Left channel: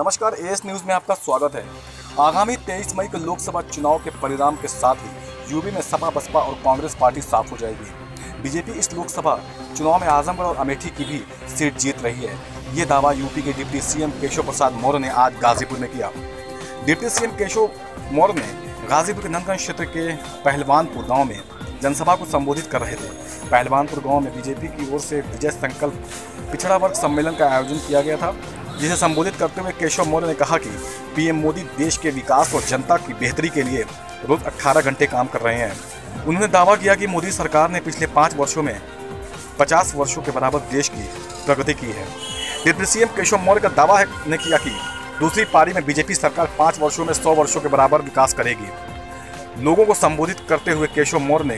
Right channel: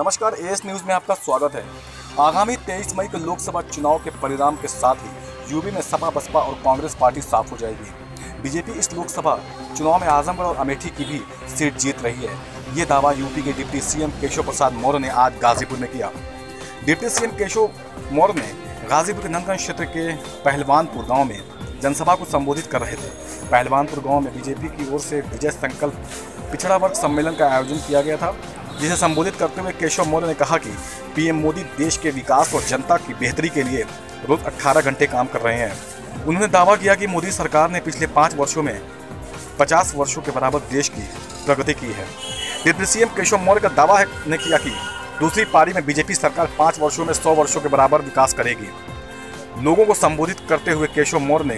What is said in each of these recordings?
नमस्कार, as news में आपका स्वागत है। आगामी 23 मई को लोकसभा चुनाव के परिणाम के साथ ही यूपी में सपा, बसपा और कांग्रेस पार्टी साफ हो जाएगी। बीजेपी इस लोकसभा चुनाव में आजमगढ़ और अमेठी की भी सीट जीत रही है। ये दावा यूपी के डिप्टी सीएम केशव प्रसाद मौर्य ने आज गाजीपुर में किया। डिप्टी सीएम केशव मौर्य ने गाजीपुर के नंदगंज क्षेत्र के पहलवानपुर गाँव में जनसभा को संबोधित कर रहे थे। पहलवानपुर गांव में बीजेपी की ओर से विजय संकल्प पिछड़ा वर्ग सम्मेलन का आयोजन किया गया था, जिसे संबोधित करते हुए केशव मौर्य ने कहा कि पीएम मोदी देश के विकास और जनता की बेहतरी के लिए रोज 18 घंटे काम कर रहे हैं। उन्होंने दावा किया कि मोदी सरकार ने पिछले 5 वर्षों में 50 वर्षों के बराबर देश की प्रगति की है। डिप्टी सीएम केशव मौर्य का दावा ने किया कि दूसरी पारी में बीजेपी सरकार 5 वर्षों में 100 वर्षों के बराबर विकास करेगी। लोगों को संबोधित करते हुए केशव मौर्य ने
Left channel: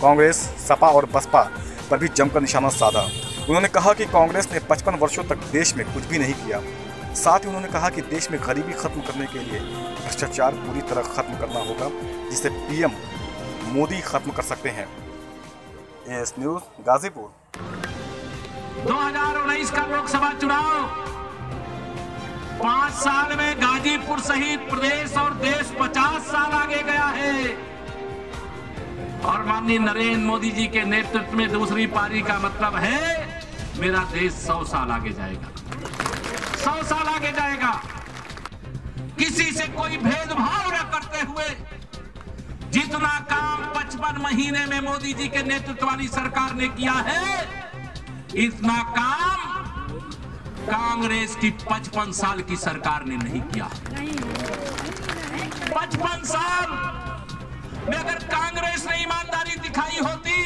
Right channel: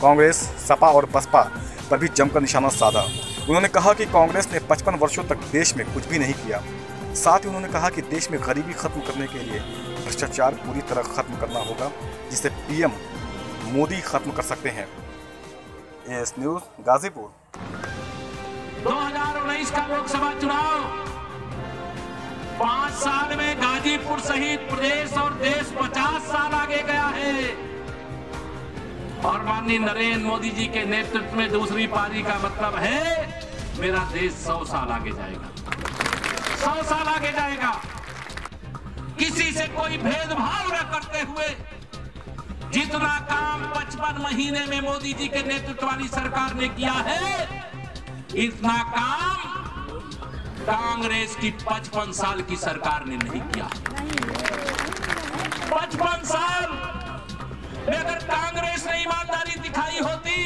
कांग्रेस, सपा और बसपा पर भी जमकर निशाना साधा। उन्होंने कहा कि कांग्रेस ने 55 वर्षों तक देश में कुछ भी नहीं किया। साथ ही उन्होंने कहा कि देश में गरीबी खत्म करने के लिए भ्रष्टाचार पूरी तरह खत्म करना होगा, जिसे पीएम मोदी खत्म कर सकते हैं। As news Ghazipur. 2019 का लोकसभा चुनाव 5 साल में गाजीपुर सहित प्रदेश और देश 50 साल आगे गया है और माननीय नरेंद्र मोदी जी के नेतृत्व में दूसरी पारी का मतलब है मेरा देश 100 साल आगे जाएगा। 100 साल आगे जाएगा। किसी से कोई भेदभाव न करते हुए जितना काम 55 महीने में मोदी जी के नेतृत्व वाली सरकार ने किया है, इतना काम कांग्रेस की 55 साल की सरकार ने नहीं किया। 55 साल में अगर कांग्रेस ने ईमानदारी दिखाई होती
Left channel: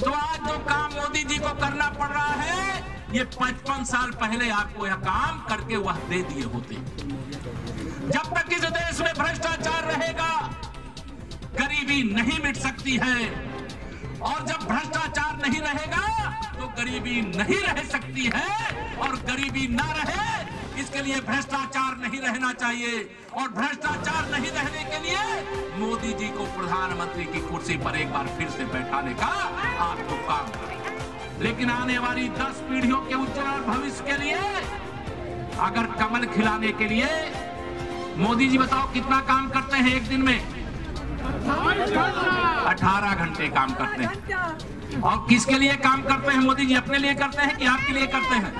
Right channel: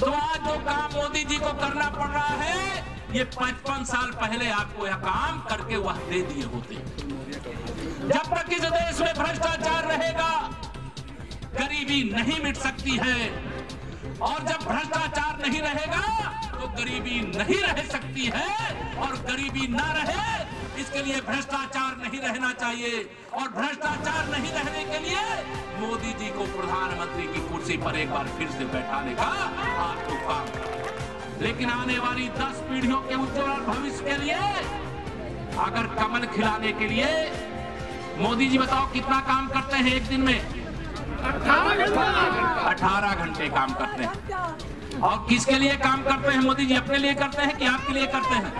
तो आज जो काम मोदी जी को करना पड़ रहा है, ये 55 साल पहले आपको यह काम करके वह दे दिए होते। जब तक इस देश में भ्रष्टाचार रहेगा, गरीबी नहीं मिट सकती है, और जब भ्रष्टाचार नहीं रहेगा तो गरीबी नहीं रह सकती है, और गरीबी ना रहे इसके लिए भ्रष्टाचार नहीं रहना चाहिए, और भ्रष्टाचार नहीं रहने के लिए मोदी जी को प्रधानमंत्री की कुर्सी पर एक बार फिर से बैठाने का आपको काम करना। लेकिन आने वाली 10 पीढ़ियों के उज्जवल भविष्य के लिए अगर कमल खिलाने के लिए मोदी जी बताओ कितना काम करते हैं एक दिन में? 18 घंटे काम करते हैं। और किसके लिए काम करते हैं मोदी जी? अपने लिए करते हैं कि आपके लिए करते हैं?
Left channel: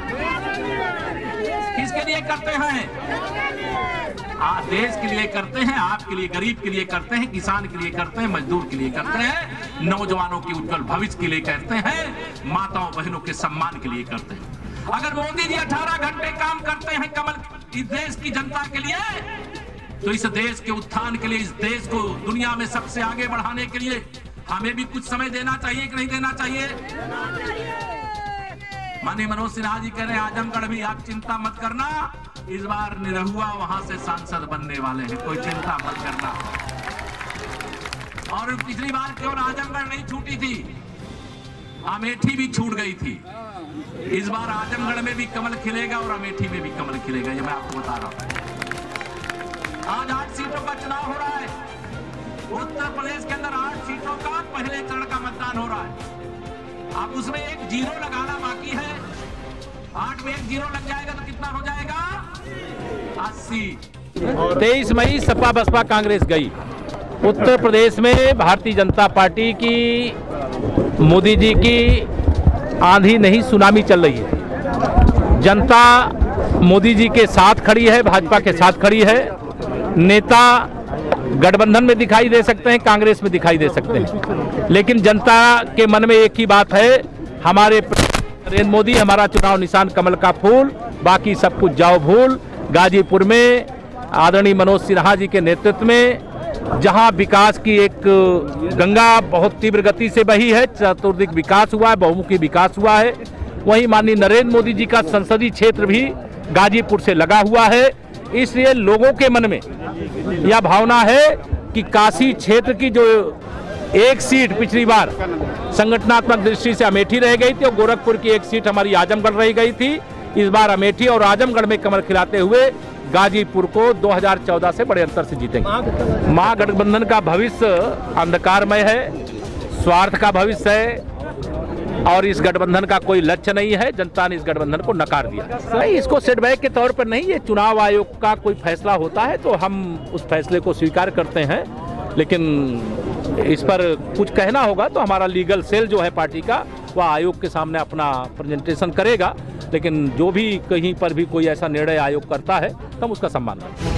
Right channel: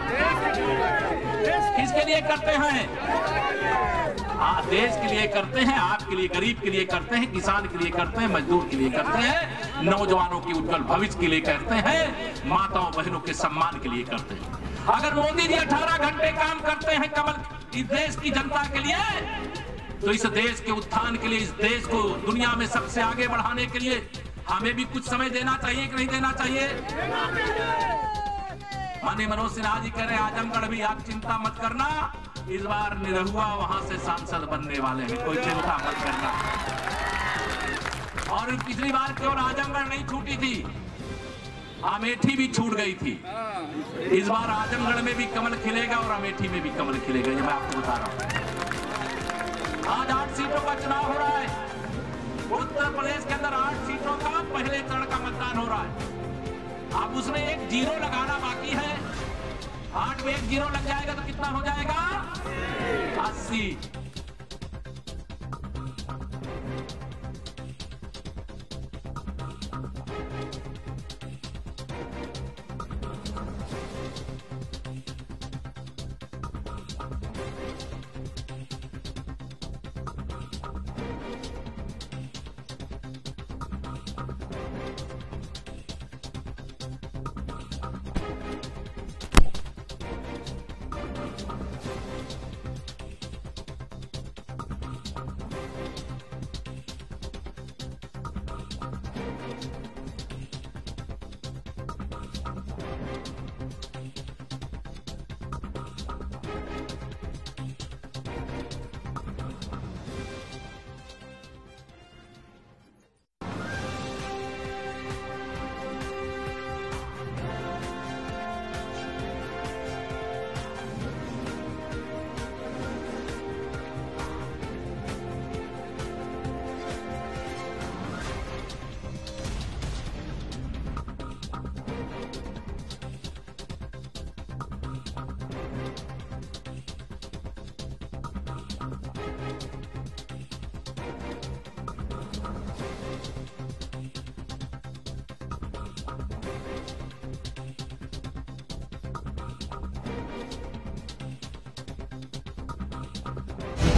किसके लिए करते हैं? देश के लिए करते हैं, आपके लिए, गरीब के लिए करते हैं, किसान के लिए करते हैं, मजदूर के लिए करते हैं, नौजवानों के उज्जवल भविष्य के लिए करते हैं, माताओं बहनों के सम्मान के लिए करते हैं। अगर मोदी जी 18 घंटे काम करते हैं कमल इस देश की जनता के लिए, तो इस देश के उत्थान के लिए, इस देश को दुनिया में सबसे आगे बढ़ाने के लिए हमें भी कुछ समय देना चाहिए कि नहीं देना चाहिए? माननीय मनोज सिन्हा जी कह रहे हैं आजमगढ़ भी आप चिंता मत करना, इस बार निरहुआ वहां से सांसद बनने वाले हैं, कोई चिंता मत करना। और पिछली बार केवल आजमगढ़ नहीं छूटी थी, अमेठी भी छूट गई थी। इस बार आजमगढ़ में भी कमल खिलेगा और अमेठी में भी कमल खिलेगा, ये मैं आपको बता रहा हूं। आज 8 सीटों का चुनाव हो रहा है। उत्तर प्रदेश के अंदर 8 सीटों का पहले चरण का मतदान हो रहा है। अब उसमें एक 0 लगाना बाकी है। 8 में एक 0 लग जाएगा तो कितना हो जाएगा? 80। 23 मई सपा बसपा कांग्रेस गई। उत्तर प्रदेश में भारतीय जनता पार्टी की, मोदी जी की आंधी नहीं सुनामी चल रही है। जनता मोदी जी के साथ खड़ी है, भाजपा के साथ खड़ी है। नेता गठबंधन में दिखाई दे सकते हैं, कांग्रेस में दिखाई दे सकते हैं, लेकिन जनता के मन में एक ही बात है, हमारे नरेंद्र मोदी, हमारा चुनाव निशान कमल का फूल, बाकी सब कुछ जाओ भूल। गाजीपुर में आदरणीय मनोज सिन्हा जी के नेतृत्व में जहां विकास की एक गंगा बहुत तीव्र गति से बही है, चतुर्दिक विकास हुआ है, बहुमुखी विकास हुआ है, वहीं माननीय नरेंद्र मोदी जी का संसदीय क्षेत्र भी गाजीपुर से लगा हुआ है। इसलिए लोगों के मन में यह भावना है कि काशी क्षेत्र की जो एक सीट पिछली बार संगठनात्मक दृष्टि से अमेठी रह गई थी और गोरखपुर की एक सीट हमारी आजमगढ़ रह गई थी, इस बार अमेठी और आजमगढ़ में कमल खिलाते हुए गाजीपुर को 2014 से बड़े अंतर से जीतेंगे। महागठबंधन का भविष्य अंधकारमय है, स्वार्थ का भविष्य है, और इस गठबंधन का कोई लक्ष्य नहीं है। जनता ने इस गठबंधन को नकार दिया। नहीं, इसको सेटबैक के तौर पर नहीं, ये चुनाव आयोग का कोई फैसला होता है तो हम उस फैसले को स्वीकार करते हैं, लेकिन इस पर कुछ कहना होगा तो हमारा लीगल सेल जो है पार्टी का, वह आयोग के सामने अपना प्रेजेंटेशन करेगा। लेकिन जो भी कहीं पर भी कोई ऐसा निर्णय आयोग करता है तो हम उसका सम्मान करते हैं।